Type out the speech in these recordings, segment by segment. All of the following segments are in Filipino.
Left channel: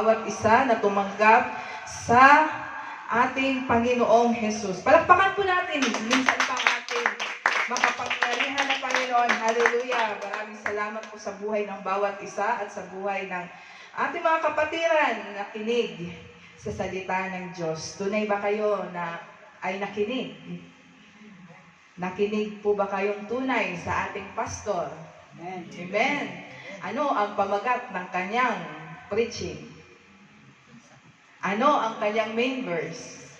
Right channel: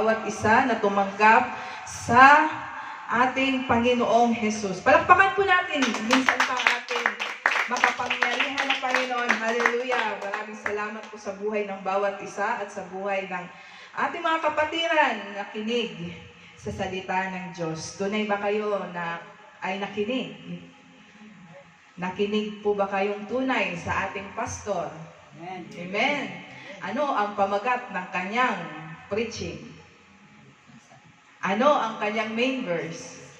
bawat isa na tumanggap sa ating Panginoong Jesus. Palakpakan po natin minsan pang ating makapangyarihan na Panginoon. Hallelujah! Maraming salamat po sa buhay ng bawat isa at sa buhay ng ating mga kapatiran na kinig sa salita ng Diyos. Tunay ba kayo na ay nakinig? Nakinig po ba kayong tunay sa ating pastor? Amen. Amen. Ano ang pamagat ng kanyang preaching? Ano ang kanyang main verse?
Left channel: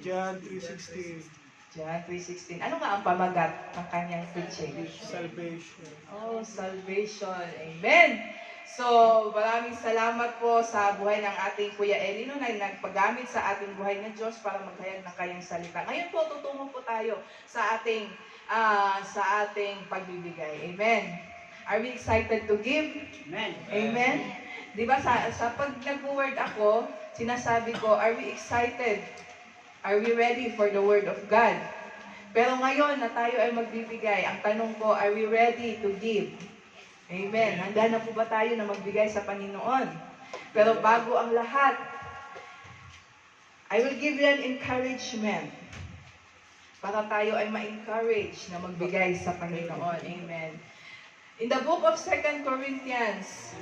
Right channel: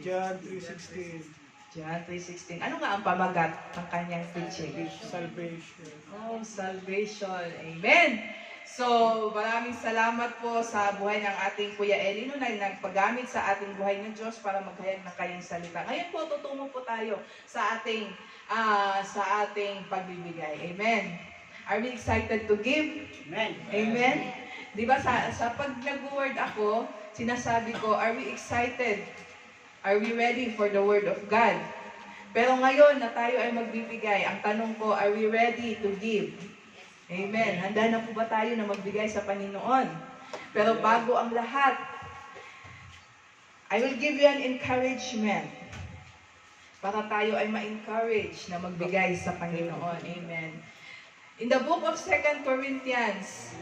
John 3:16. John 3:16. Ano nga ang pamagat ng kanyang preaching? Salvation. Oh, salvation. Amen. So, maraming salamat po sa buhay ng ating Kuya Elino na nagpagamit sa ating buhay ng Diyos para maghayag ng kanyang salita. Ngayon po, tutungo po tayo sa ating pagbibigay. Amen. Are we excited to give? Amen. Amen. Di ba sa pag nag-word ako, sinasabi ko, are we excited? Are we ready for the Word of God? Pero ngayon na tayo ay magbibigay, ang tanong ko, are we ready to give? Amen. Handa na po ba tayo na magbigay sa Panginoon? Pero bago ang lahat, I will give you an encouragement para tayo ay ma-encourage na magbigay sa Panginoon. Amen. In the book of 2 Corinthians,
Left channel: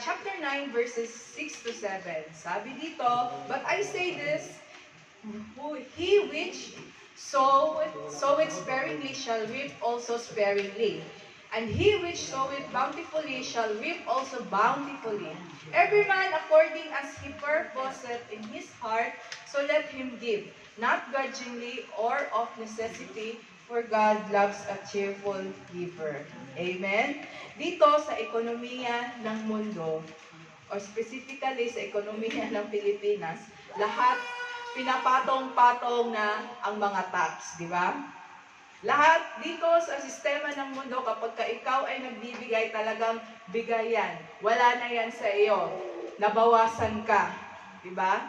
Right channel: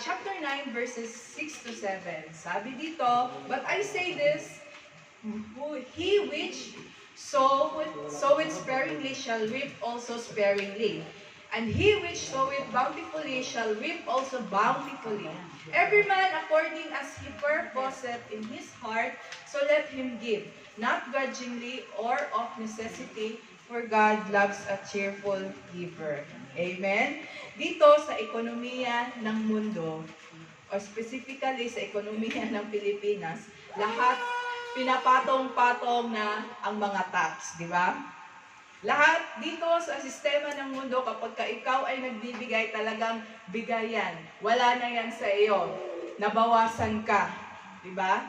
chapter 9, verses 6 to 7. Sabi dito, but I say this, he which soweth sparingly shall reap also sparingly. And he which soweth bountifully shall reap also bountifully. Every man according as he purposeth in his heart, so let him give, not grudgingly or of necessity, for God loves a cheerful giver. Amen? Dito sa ekonomiya ng mundo, or specifically sa ekonomiya ng Pilipinas, lahat pinapatong-patong na ang mga tax, di ba? Lahat dito sa sistema ng mundo, kapag ka ikaw ay nagbibigay, talagang bigayan. Wala na yan sa iyo. Nabawasan ka. Di ba?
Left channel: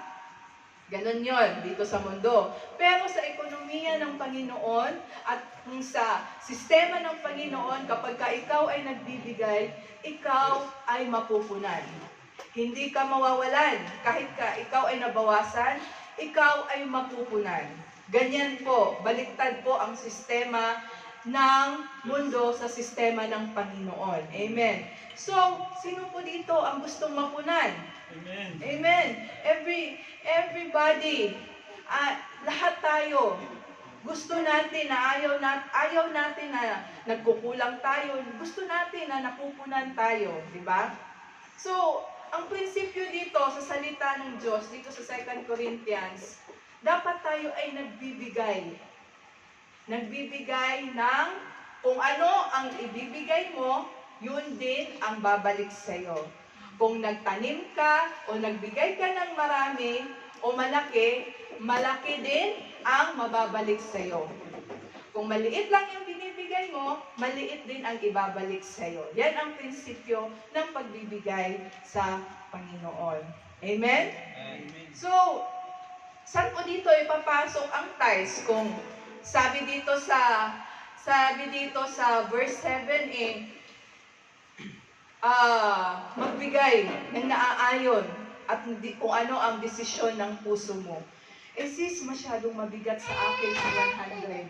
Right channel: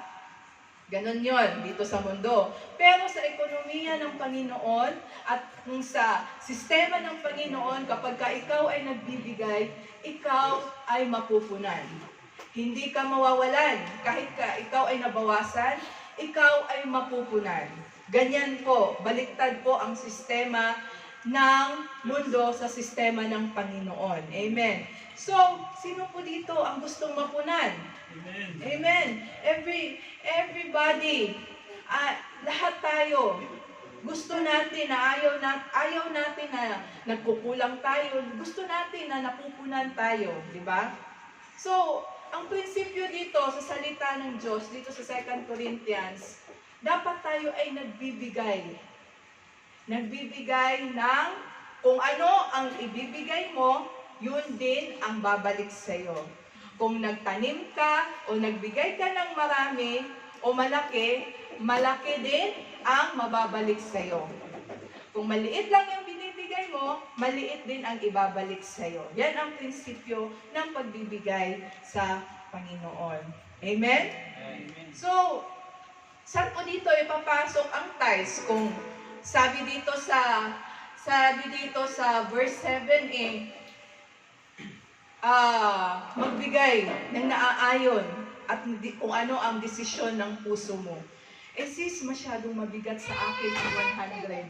Ganon yon dito sa mundo. Pero sa ekonomiya ng Panginoon at kung sa sistema ng Panginoon, kapag ka ikaw ay nagbibigay, ikaw ay mapupunan. Hindi ka mawawalan. Kahit ka ikaw ay nabawasan, ikaw ay mapupunan. Ganyan po, baliktad po ang sistema ng mundo sa sistema ng Panginoon. Amen. So, sino po dito ang gustong mapunan? Amen. Amen. Everybody, lahat tayo, gusto natin na ayaw natin na nagkukulang tayo. Gusto natin na napupunan tayo, di ba? So, ang prinsipyo dito sa salita ng Diyos, dito sa 2 Corinthians, dapat tayo ay nagbibigay. Nagbibigay ng kung ano ang ibibigay mo, yun din ang babalik sa iyo. Kung nagtanim ka o nagbigay ka ng marami o malaki, malaki din ang mababalik sa iyo. Kung maliit lang yung binibigay mo, maliit din ang ibabalik sa iyo. Yan ang prinsipyo ng pagbibigay sa Panginoon. Amen? Amen. So, saan po dito ipapasok ang tithes? Kung sabi dito sa verse 7 magbigay ng naaayon at kung ano ang desisyon ng puso mo. Sis, masyadong mabigat sa akin ang 100.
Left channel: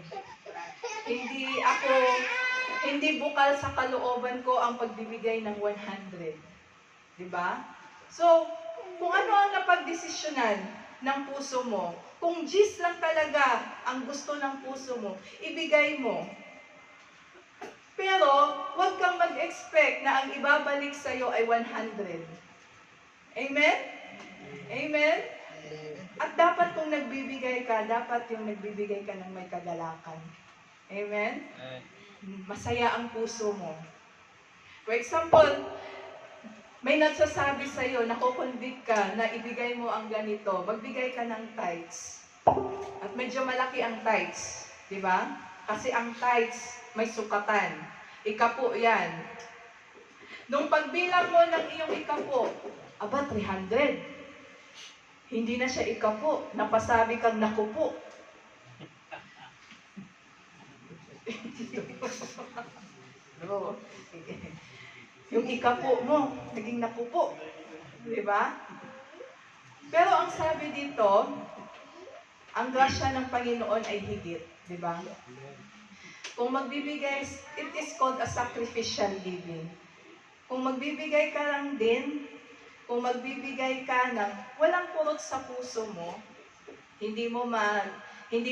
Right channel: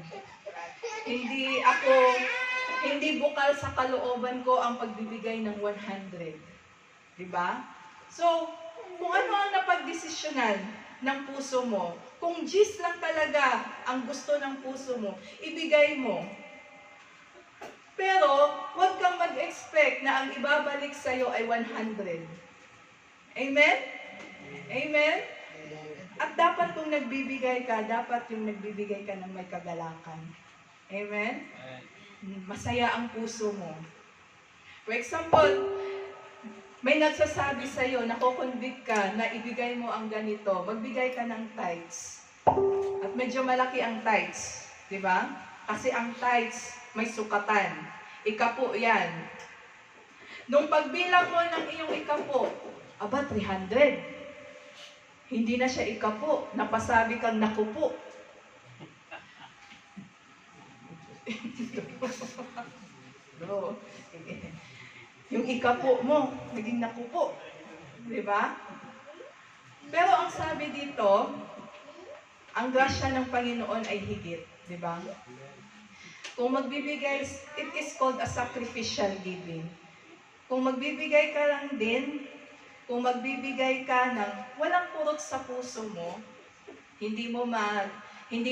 Hindi bukal sa kalooban ko ang pagbibigay ng 100. Diba? So, kung ano ang napagdesisyonan ng puso mo, kung G's lang talaga ang gusto ng puso mo, ibigay mo. Pero, huwag kang mag-expect na ang ibabalik sa'yo ay 100. Amen? Amen? At dapat kung nagbibigay ka, dapat yung nagbibigay ka ng may kagalakan. Amen? Masaya ang puso mo. For example, may nagsasabi sa'yo, nakukonvict ka na ibigay mo ang ganito, magbigay ka ng tithes. At medyo malaki ang tithes. Diba? Kasi ang tithes, may sukatan. Ikapo yan. Nung pagbilang mo ng iyong ikapo, 300. Hindi na siya ikapo. Napasabi kang nakupo. No. Yung ikapo mo, naging nakupo. Di ba? Pero ang sabi dito, ang grasya ng Panginoon ay higit. Di ba? Kung magbibigay, it is called a sacrificial giving. Kung magbibigay ka lang din, kung magbibigay ka ng walang purot sa puso mo, hindi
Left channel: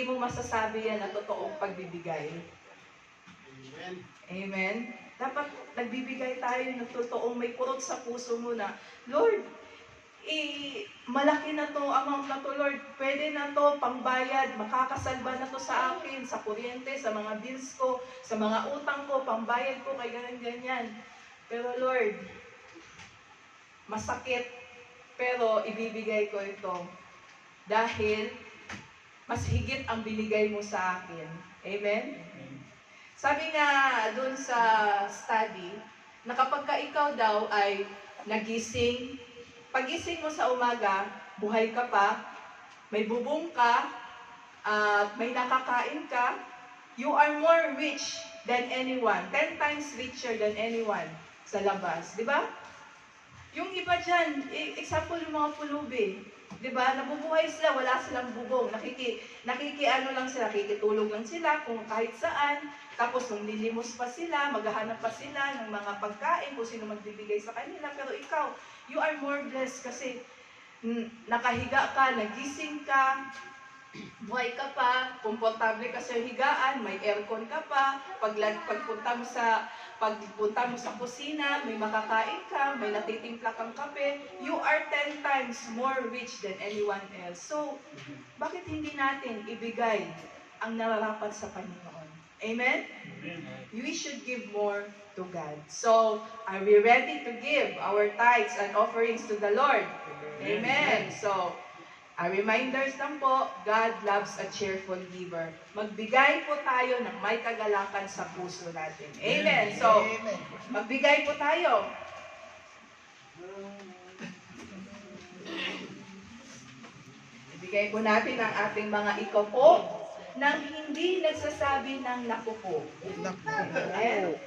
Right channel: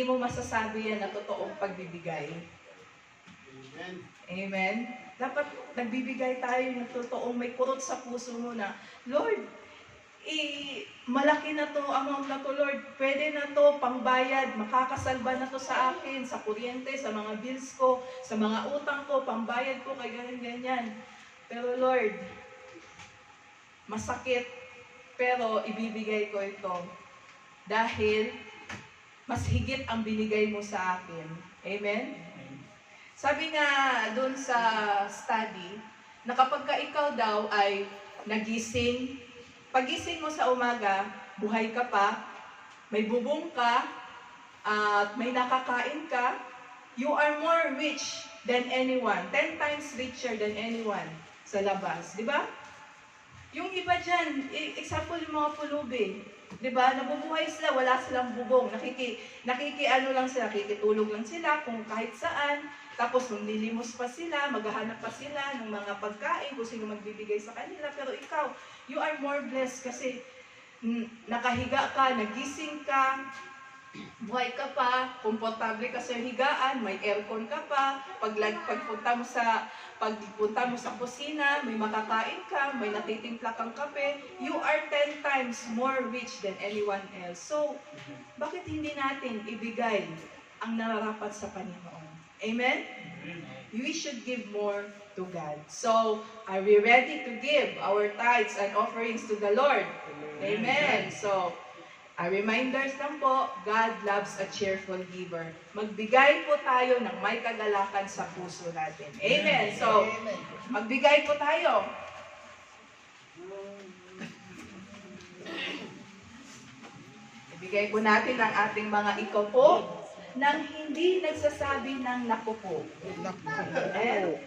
mo masasabi yan na totoong pagbibigay. Amen. Amen? Dapat nagbibigay tayo ng totoong may purot sa puso mo na, Lord, malaki na to, amount na to, Lord. Pwede na to, pangbayad, makakasalba na to sa akin, sa kuryente, sa mga bills ko, sa mga utang ko, pangbayad ko, kay ganyan-ganyan. Pero Lord, masakit, pero ibibigay ko ito. Dahil, mas higit ang binigay mo sa akin. Amen? Sabi nga dun sa study, na kapag ka ikaw daw ay nagising, pagising mo sa umaga, buhay ka pa, may bubong ka, at may nakakain ka, you are more rich than anyone. 10 times richer than anyone sa labas. Di ba? Yung iba dyan, example yung mga pulubi. Di ba? Nabubuhay sila, wala silang bubong. Nakikitulog lang sila kung kahit saan. Tapos nung nilimos pa sila, maghahanap pa sila ng mga pagkain kung sino magbibigay sa kanila. Pero ikaw, you are more blessed kasi nakahiga ka, nagising ka, buhay ka pa, komportable ka sa higaan, may aircon ka pa, pagpunta mo sa kusina, may makakain ka, may natitimpla kang kape, you are 10 times more rich than anyone else. So, bakit hindi natin ibigay ang nararapat sa Panginoon? Amen? We should give more to God. So, are we ready to give our tithes and offerings to the Lord? Amen. So, reminders lang po, God loves a cheerful giver. Magbigay po tayo ng may kagalakan sa puso natin. Amen. So, magbigay po tayo. Ibigay po natin ang ating mga ikaw po nang hindi nagsasabi ng naku po. Amen.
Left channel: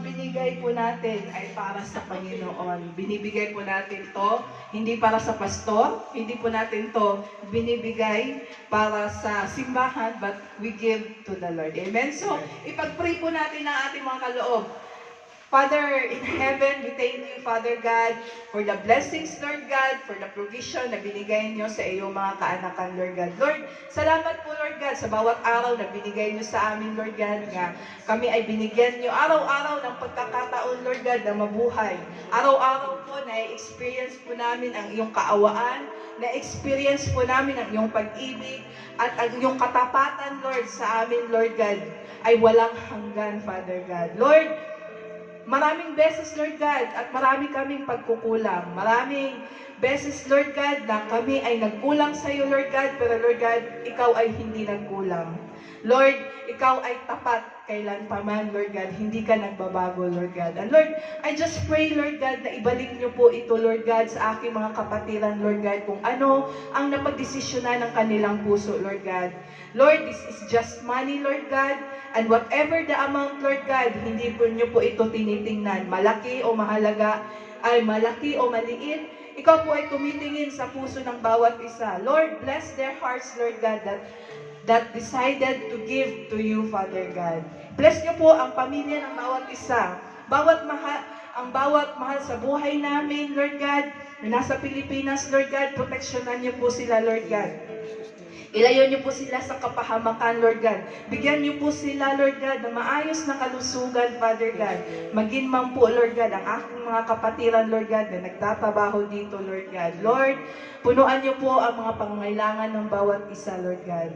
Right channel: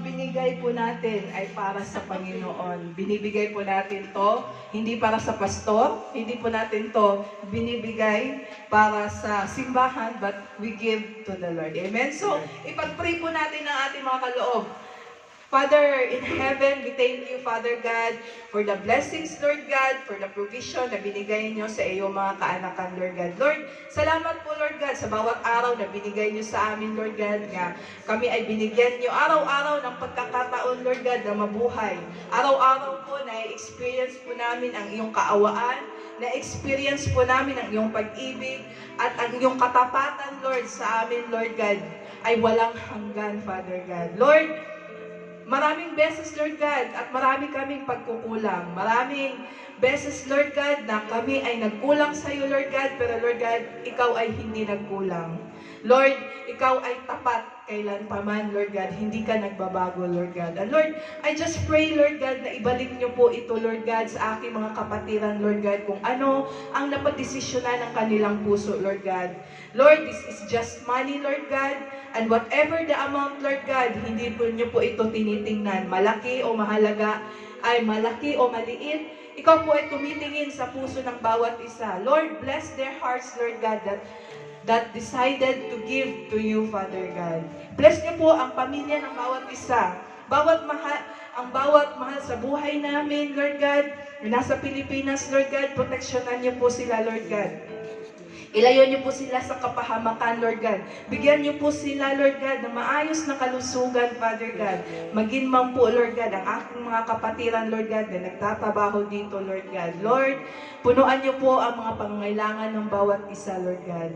Binigay po natin ay para sa Panginoon. Binibigay po natin to, hindi para sa pastor, hindi po natin to binibigay para sa simbahan, but we give to the Lord. Amen? So, ipag-pray po natin ang ating mga kaloob. Father in heaven, we thank you, Father God, for the blessings, Lord God, for the provision na binigay niyo sa iyong mga kaanakan, Lord God. Lord, salamat po, Lord God, sa bawat araw na binigay niyo sa amin, Lord God, nga kami ay binigyan niyo araw-araw ng pagkakataon, Lord God, na mabuhay. Araw-araw po na-experience po namin ang iyong kaawaan, na-experience po namin ang iyong pag-ibig, at ang iyong katapatan, Lord, sa amin, Lord God, ay walang hanggan, Father God. Lord, maraming beses, Lord God, at marami kaming pagkukulang. Maraming beses, Lord God, na kami ay nagkulang sa iyo, Lord God, pero Lord God, ikaw ay hindi nagkulang. Lord, ikaw ay tapat kailan pa man, Lord God, hindi ka nagbabago, Lord God. And Lord, I just pray, Lord God, na ibalik niyo po ito, Lord God, sa aking mga kapatiran, Lord God, kung ano ang napagdesisyonan ng kanilang puso, Lord God. Lord, this is just money, Lord God, and whatever the amount, Lord God, hindi po niyo po ito tinitingnan, malaki o mahalaga, ay malaki o maliit, ikaw po ay tumitingin sa puso ng bawat isa. Lord, bless their hearts, Lord God, that decided to give to you, Father God. Bless niyo po ang pamilya ng bawat isa. ang bawat mahal sa buhay namin, Lord God, na nasa Pilipinas, Lord God, proteksyonan niyo po sila, Lord God. Ilayo niyo po sila sa kapahamakan, Lord God. Bigyan niyo po sila, Lord God, ng maayos na kalusugan, Father God. Maging man po, Lord God, ang aking mga kapatiran, Lord God, na nagtatrabaho dito, Lord God. Lord, punuan niyo po ang mga pangangailangan ng bawat isa, Lord God.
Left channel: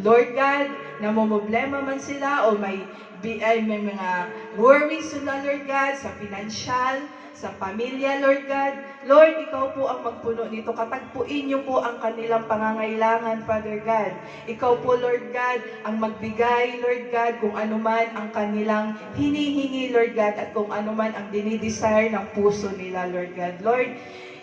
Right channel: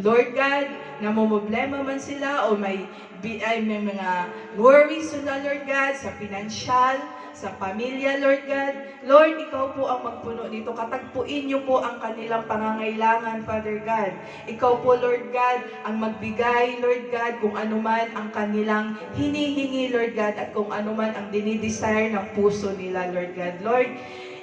Lord God, namumblema man sila o may mga worries sila, Lord God, sa financial, sa pamilya, Lord God. Lord, ikaw po ang magpuno nito. Katagpuin niyo po ang kanilang pangangailangan, Father God. Ikaw po, Lord God, ang magbigay, Lord God, kung anuman ang kanilang hinihingi, Lord God, at kung anuman ang dinidesire ng puso nila, Lord God. Lord,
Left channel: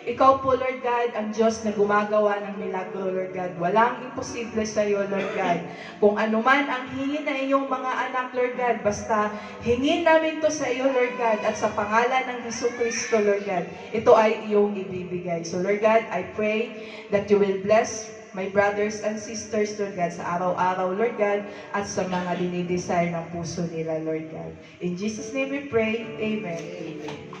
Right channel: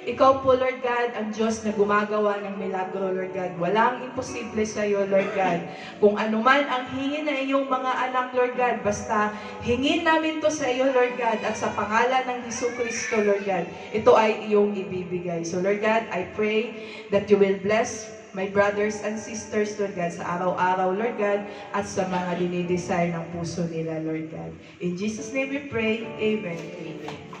ikaw po, Lord God, ang Diyos na gumagawa ng milagro, Lord God. Walang imposible sa iyo, Lord God. Kung anuman ang hingin na iyong mga anak, Lord God, basta hingin namin to sa iyo, Lord God, at sa pangalan ng Jesucristo, Lord God, ito ay iyong ibibigay. So, Lord God, I pray that you will bless my brothers and sisters, Lord God, sa araw-araw, Lord God, at sa mga dinidesire ng puso nila, Lord God. In Jesus' name we pray, Amen. Amen.